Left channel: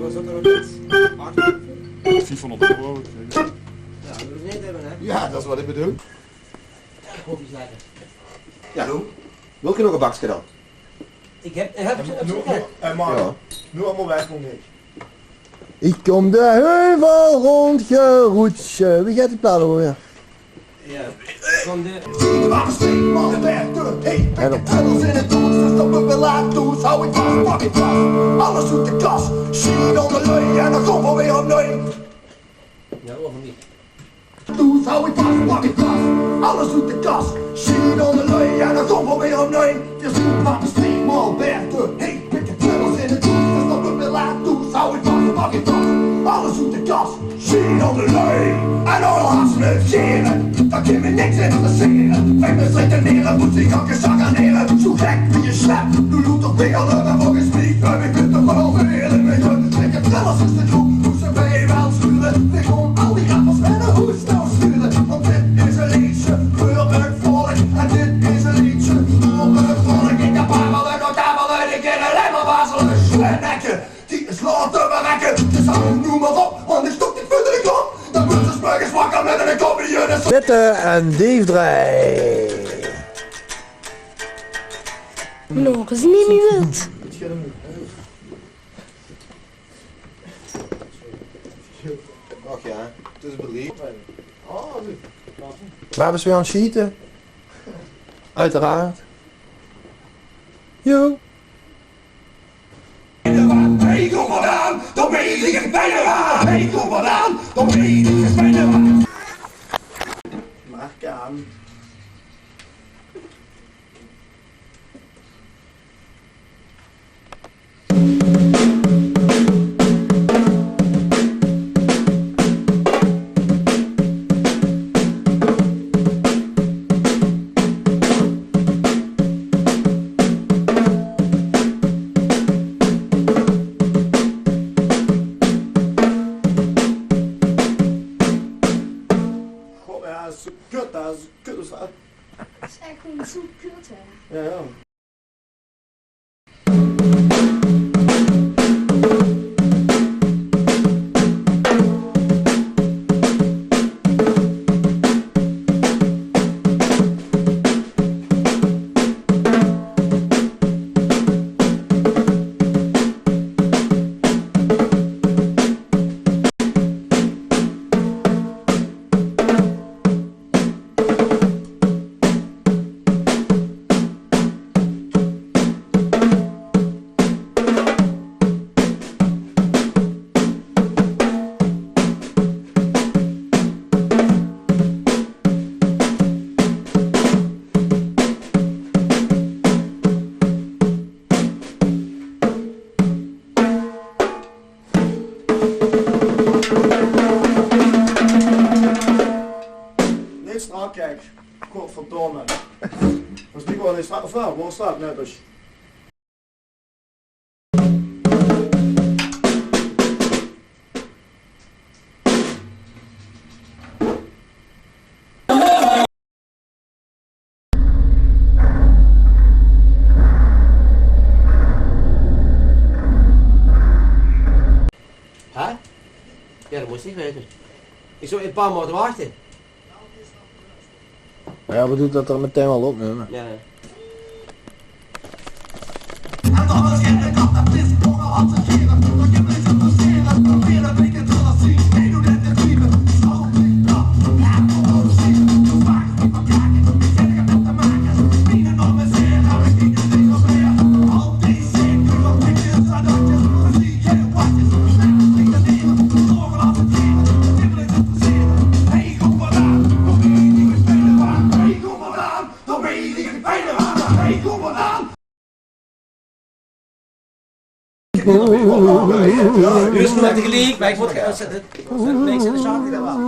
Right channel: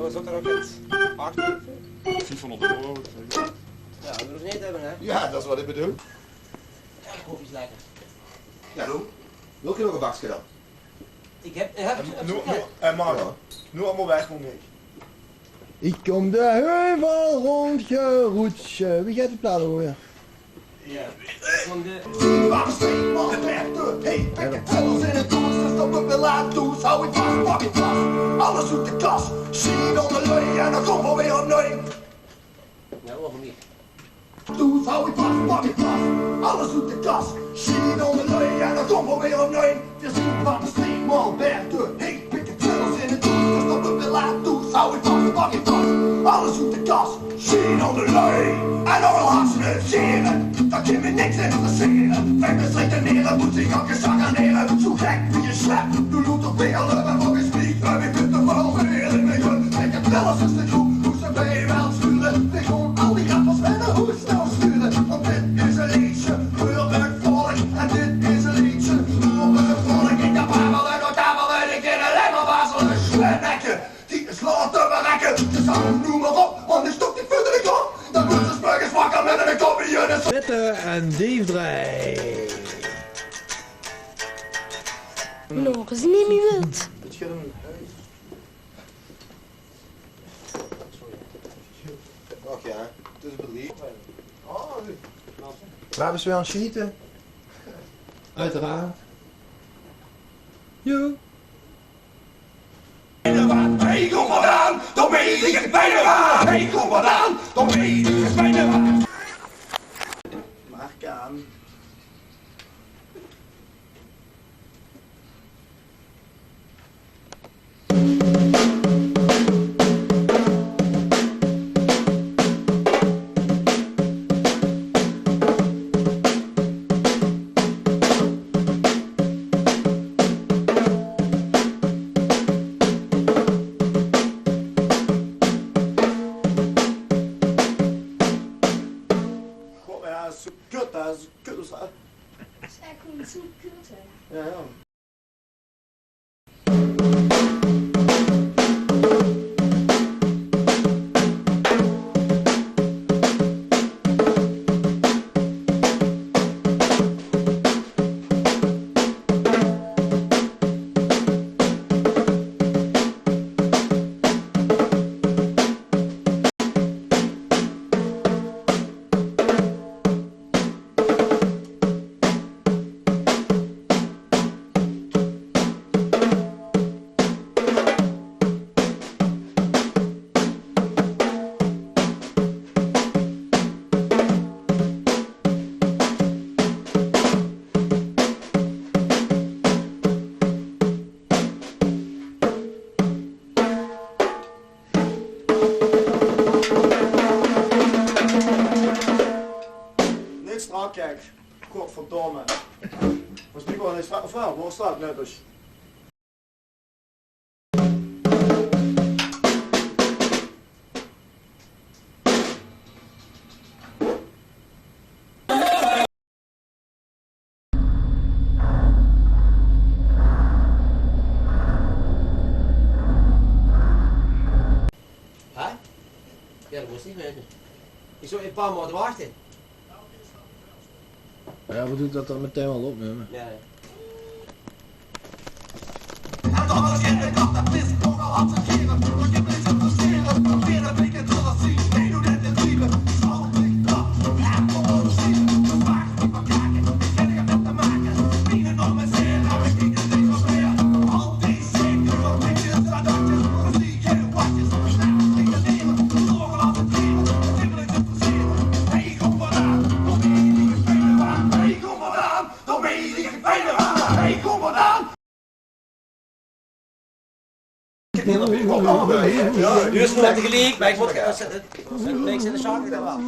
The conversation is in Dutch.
Was dat er ook iets? 400 euro. Ja, dat moet je niet hebben, hè? Ja, dat is wat ik bedoel. Koffie is lekker. Ja, doe. Wil je nog een bakje dan? Ik heb het Mario, nu allemaal weg, kom niet. Ik kom de heuvel rondgeroetje. Wie gaat het platen hoor? Ja. Ja. Van de... Tunnels in het doel, dus dat we wel laat doen. Hou ik vast, pak ik vast. Alles doet de kas. Zie onder leu en dan kom we weer opnieuw. Ja, of niet? Doe, hou ik vast, pak ik vast. Alles doet de kas. Zie onder leu en dan kom we weer opnieuw. Het is goed van de street, mal Berthe. Hey, pikken tunnels in het doel, dus dat we wel laat doen. Hou ik vast, pak ik vast. Alles doet de kas. Zie onder leu en oorlogs scheren. Dat kan me niks interesseren. Wij beslikken neren, moet zich ook eens zaganeren. Zo gek wie je slept, nu doet toch weer en volgens mij. En we kunnen wel weer in mijn gun. Ik heb zelfs eens de groep, hoe ze bij wel sturen. Ik gewoon al die rappers met een hoe snel sturen. Want dit is een liedje voor het volk. En dit is een liedje voor het volk. Ik heb hamelen, nog hamelen, ik ken alleen maar wazelen. Schlenekken, die is laten berekken. Dus hou noem maar op, want ik stok dit voor de kop. Dan moet ze spuigen wakker met een kopje. Witte en Diefdraai. Nog eens niet meer wild. Och ja, het is belief. Waar hebben ze weer aan het schieten? Uiteraard. Jo. Hey, kom maar aan, dan weet ik het bijna waar. Hey, kom maar aan, dan weet ik het bijna waar. Mark aan. Kut, dat is kut. Dat is echt gewoon zo kut, hè. Ja, ja. Strak, kijk. Godverdomme. Was niet gewoon eens strak of wel? Waar staat net als? Hè? Ja, dat moest ik weten. Ik zou een paar maanden wachten. Ja, we doen dat er meteen wel op, nu. Ja, nee. Juist net tegelijk, maar ik moet gaan zetten. Ik zet de zaak weer wel.